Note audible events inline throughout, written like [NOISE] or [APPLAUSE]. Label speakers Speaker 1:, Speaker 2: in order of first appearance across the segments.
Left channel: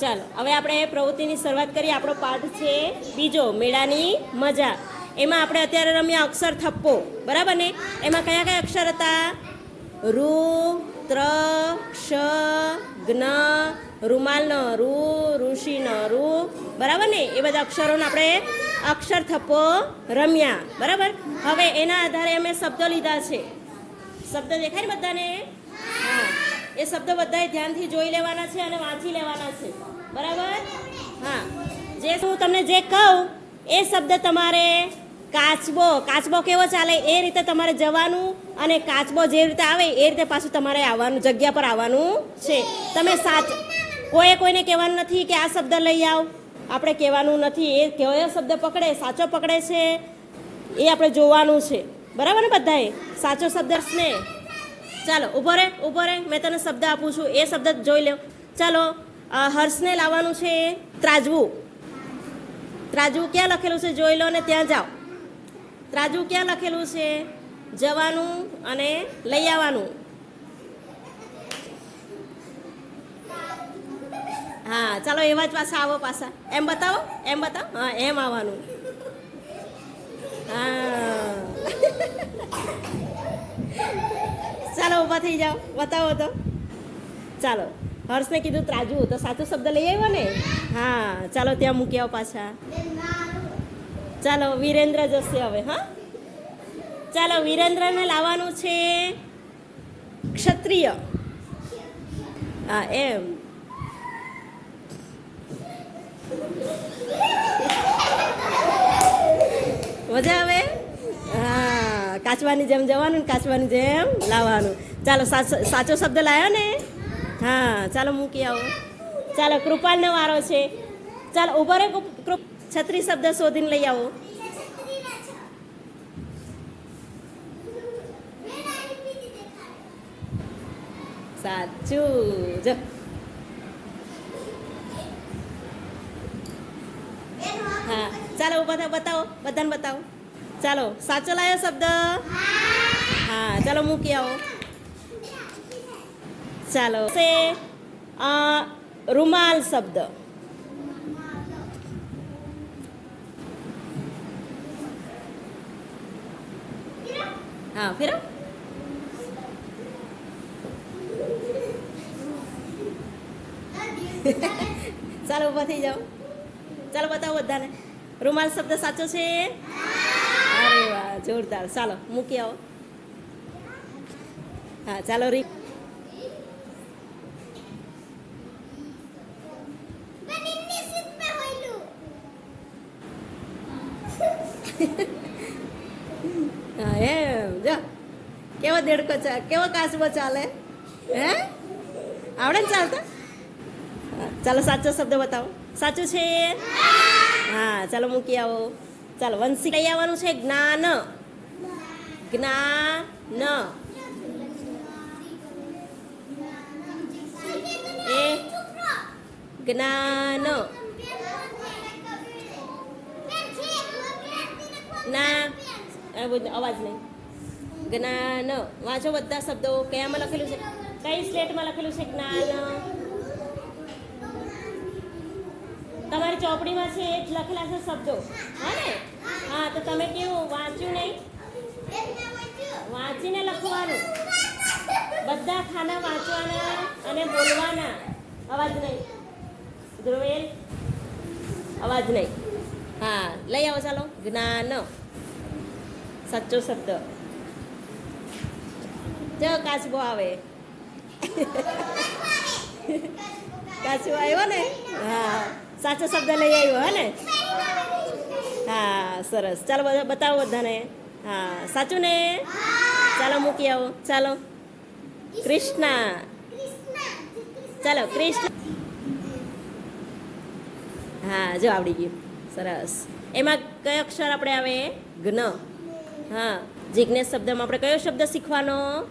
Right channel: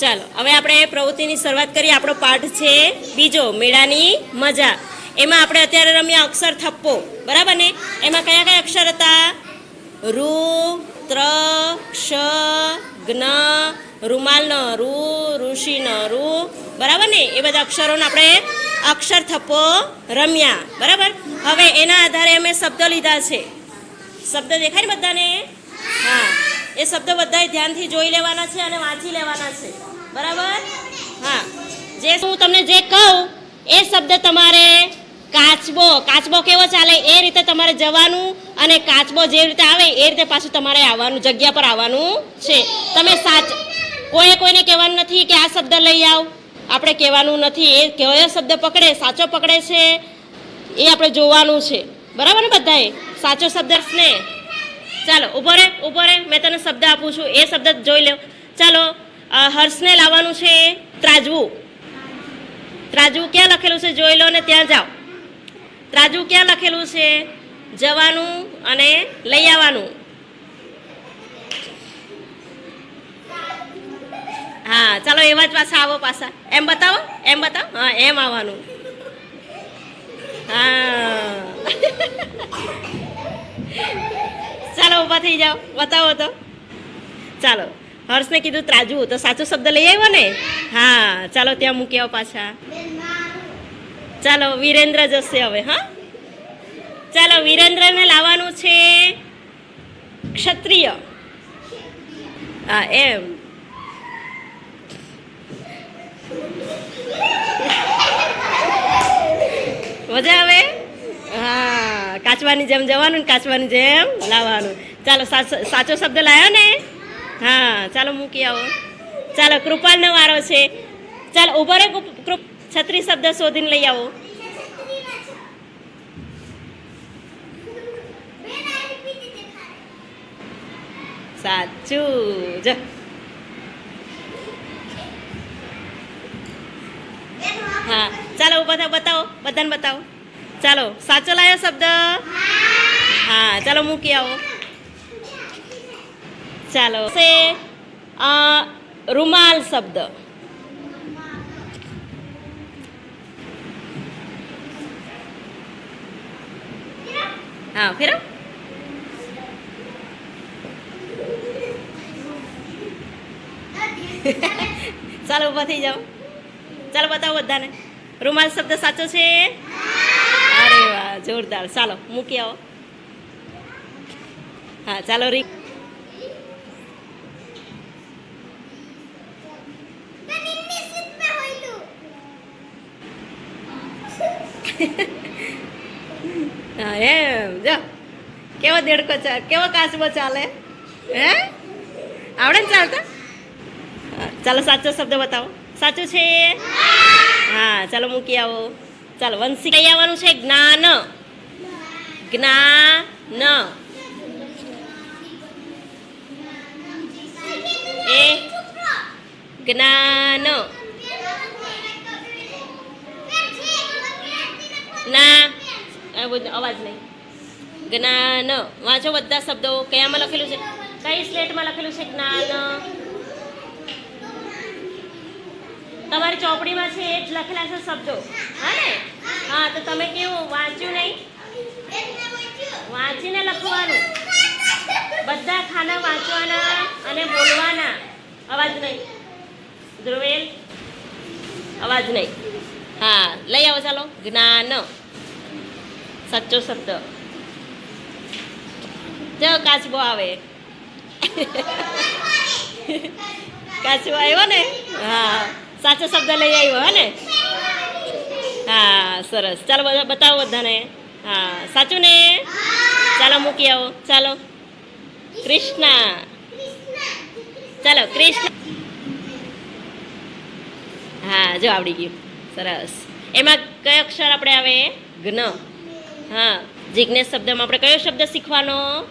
Speaker 1: ચાલો, હવે આપણે પ્રવૃત્તિની શરૂઆત કરીએ. આપણો પાઠ છે બીજો, મેળાની મજા. એમાં આપણે અત્યારે રમ્યા અક્ષર થપ્પો. બરાબર ને? એમાં કયા કયા અક્ષર હતા? રૂ, ત્ર, ક્ષ જ્ઞ રૂમાલનો રૂ ઋષિનો રૂ. બરાબર ને? એ બધા અક્ષરોને આપણે અક્ષર થપ્પો રમ્યા. બરાબર? હવે એના આધારે અમે શબ્દ લીધા છે. શબ્દ દેખાય ને બધાને? એ શબ્દ બધાએ ધ્યાનથી જોઈ લેવાના છે અને વાંચી લેવાના છે. બરાબર? હા. જે હું તમને જે કહું, એ શબ્દ તમારે કાચબો કાચબો કેવો ચાલે? એ રીતે તમારે જવાનું અને કાચબો જે રીતે આવે, એ રીતે પાછું તમારે આવવાનું, જગ્યા પર આવવાનું છે. તમે સાચ, કોઈએ કોઈને કહેવાનું નથી કે આ શબ્દ લઈ આવ. આપણે કહેવાનું નથી. એ કયો શબ્દ પકડે? સાચો પકડે છે? એ આપણે જોવાનું છે. બરાબર ને બધાએ? સાચો શબ્દ ને ચાલો, ઊભો રે ઊભો રે મેં તને શબ્દ આપું છું. એ શબ્દ જોઈ લો ચાલો હર્ષને લાવવાનું છે ત્રાજવું. ત્રાજવું ક્યાં લખેલું છે? જોઈ લો ને ત્યાં જાઓ. ત્રાજવું ક્યાં લખેલું છે? જવાનું અને લઈ આવવાનું. હા, ચાલો, એવા જ પાછા આવો પાછા. એમ બતાવો એમ બતાવો. હા, એમ આવવાનું. હા. [LAUGHS] ચાલો ઊભા થઈ જાઓ. બતાવો તો. ચાલો. હર્ષને કીધું ત્રાજુ, તો સાચો શબ્દ લઈ આવ્યો ને? હા, ચાલો ત્યાં મૂકી આવો પાછા. ચાલો, વિરેન્દ્ર જશે હવે, હા? ચાલો, વિરેન્દ્રને લાવવાનું છે ક્ષત્રિય. હા, એમ. મજા આવે? કાચવાની જેમ જવાનું ને કાચવાની જેમ લાવવાનું. ચાલો સાચો શબ્દ લાવ્યો ને? હા, ચાલો મૂકી આવો. ચાલો કૃપાલનો વારો છે. ચાલો, ઊભો રે કૃપ- છત્રી શબ્દ શોધીને લઈ આવો. સાચું, જો. હા, ચાલો બધા બતાવો, બધાને બતાવો. ચાલો, સાચો લાયો શબ્દ? હા, ચાલો મૂકી આવો. ચાલો, છે રૂમાલ શબ્દ. હા, ફેરો. ચાલો ઊભા થઈ જાઓ. ચાલો, બતાવો બધાને. રૂમાલ શબ્દ સાચો છે? અરે જોરદાર. ચાલો, મૂકી આવો. હા, ચાલો, રી હા, એમ, જો. કેવો દેડકો ચાલે કેવો કાચબો ચાલે? હે? આવડે ને ચાલતા? ચાલો, સાચો શબ્દ બતાવો. સાચું છે? હા, ચાલો, મૂકી આવો. ચાલો, વંશી કઈ આવવાનું છે? જ્ઞાન. જ્ઞાન. એ? જ્ઞાન. ના અવાજ નહીં. જ્ઞાન. વાંચો બધા શબ્દો. કયામાં લખેલું છે? કઈ સ્લેટમાં લખેલું છે? જ્ઞાન. તમારી ચોપડીમાં છે એ જ લખેલા છે શબ્દો. હા ને? હા, તો તમે કેવું, વાંચ્યું નહીં? વાંચીને લખવાનું. બધા ખાના વાંચવાના અને બોલવાના. અવાજ નહીં. ધ્રુવેલ, અવાજ નહીં. હા, લઈ આવો, ચાલો. જ્ઞાન. સાચો શબ્દ. જો, કાચબો આવે. [LAUGHS] કાચબો આવ્યો ને? હા. સાચો શબ્દ લઈ આવ્યો હે ને? હા, સરસ. ચાલો બધા, બતાવો બધાને. હા, સાચું ને? ચાલો મૂકી આવો. ચાલો. કૃષ્ણ. ચાલો, કૃષ્ણ. હા, જો આવડી ગયું. સરસ. એમાં કયો અક્ષર આપણે આવે? જ્ઞ હા જિજ્ઞેસ શબ્દમાં આપણે કયો શબ્દ શીખવાનો?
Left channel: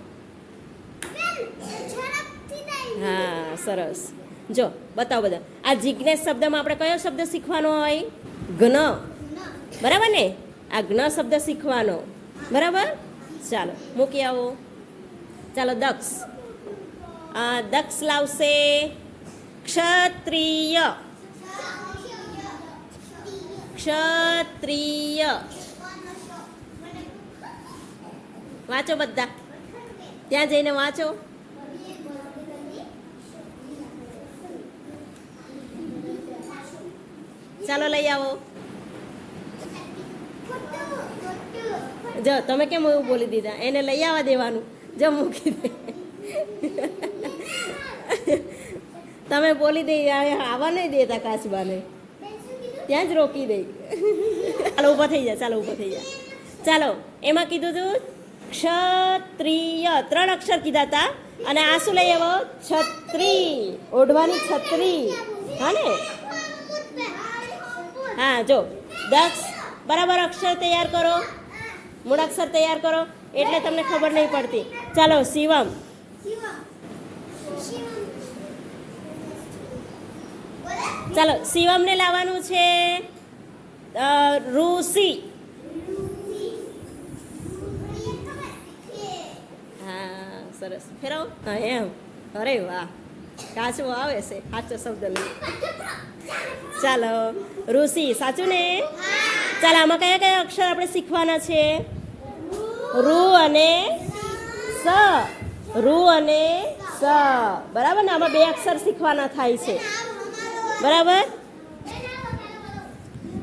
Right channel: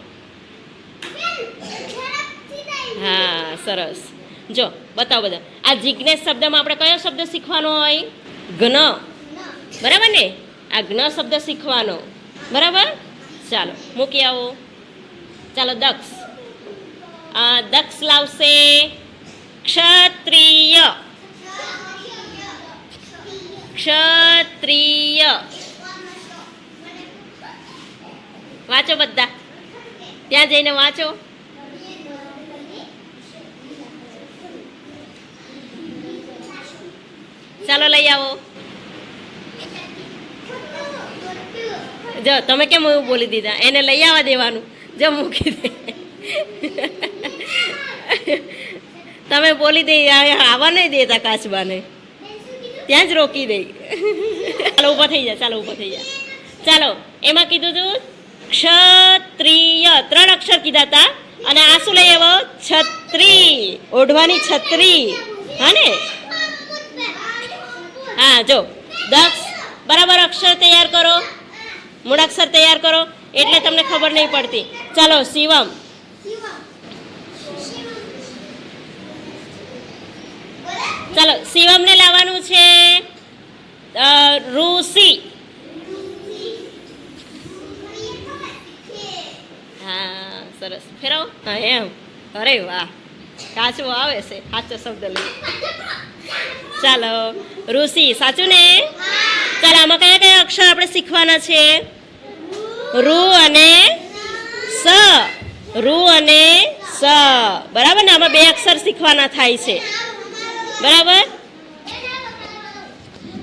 Speaker 1: હા, સરસ. જો, બતાવો બધા. આ જિજ્ઞેશ શબ્દમાં આપણે કયો શબ્દ શીખવાનો હોય? ઘન. બરાબર ને? આ જ્ઞ શબ્દ શીખવાનો. બરાબર? ચાલો, મૂકી આવો. ચાલો, દક્ષ. આ દક્ષ લાવશે ક્ષત્રિય. ક્ષત્રિય. વાંચો બધા. ત્યાં જઈને વાંચો. ચાલો લઈ આવો. જો, તમે કેમ એવું બોલી દીધા? એને લઈ આવવા દેવાનું. જો, મૂકી દે. તમે બોલી દઈ આવવા નહીં દેતા કાચબાને. ત્યાં જ રોકી દઈ ચાલો, ઊભા થઈ જા, ચાલો, ઊભા થઈ જા. ચાલો, એમાં કીધું તું, ક્ષત્રિય. ત્રણ અક્ષર કીધા હતા અને આ શું લઈ આવો? છત્રી. ઓઢવાની છત્રી. હા ને? હા, જો. દક્ષ, બરાબર અક્ષર તૈયાર કરો. મૂળાક્ષર તૈયાર કરો. એટલે તમને ખબર નહીં પડતી. ચાલો, શિવમ. ચાલો, શિવમને લાવવાનું છે ઋષિ. હા, સરસ. ફેરવ. હા, એમ. અરે વાહ. કાચું આવે છે સાચો શબ્દ લઈ. ચાલો, ઋષિ, સાચું ને? ચાલો, આમાં કયા કયા અક્ષર આપણે શીખવાના છે? રૂ અને સ. રૂ અને સ. બરાબર ને? આમાં બે અક્ષર શીખવાના થાય છે. બરાબર?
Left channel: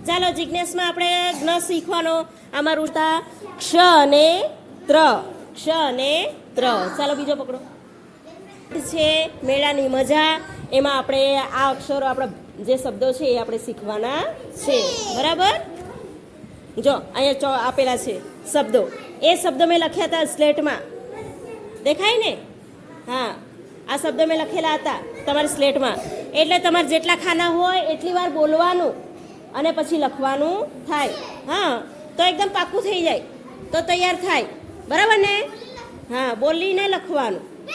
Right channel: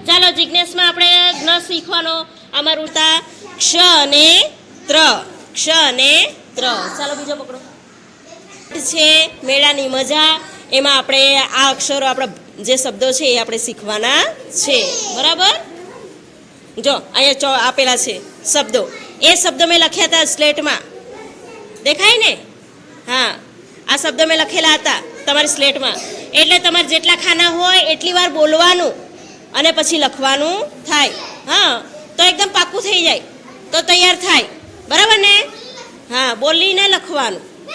Speaker 1: ચાલો જિજ્ઞેસમાં આપણે જ્ઞ શીખવાનો. આમાં રૂતા ક્ષ અને ત્ર. ક્ષ અને ત્ર. ચાલો, બીજો પકડો. છે, મેળાની મજા. એમાં આપણે આ અક્ષરો આપણા જે શબ્દો છે એ આપણે શીખવાના છે. બરાબર? જો, અહીંયા ચો આપેલા છે શબ્દો. એ શબ્દો મેં લખ્યા હતા સ્લેટમાં. દેખાય ને? હા. આ શબ્દો મેં લખેલા હતા તમારી સ્લેટમાં. એટલે તમારે જેટલા ખાના હોય એટલી વાર બોલવાનું અને પછી લખવાનું થાય. હા. તો એકદમ પાક્કું થઈ જાય. તો તૈયાર થાય. બરાબર ને? હા, બોલીને લખવાનું.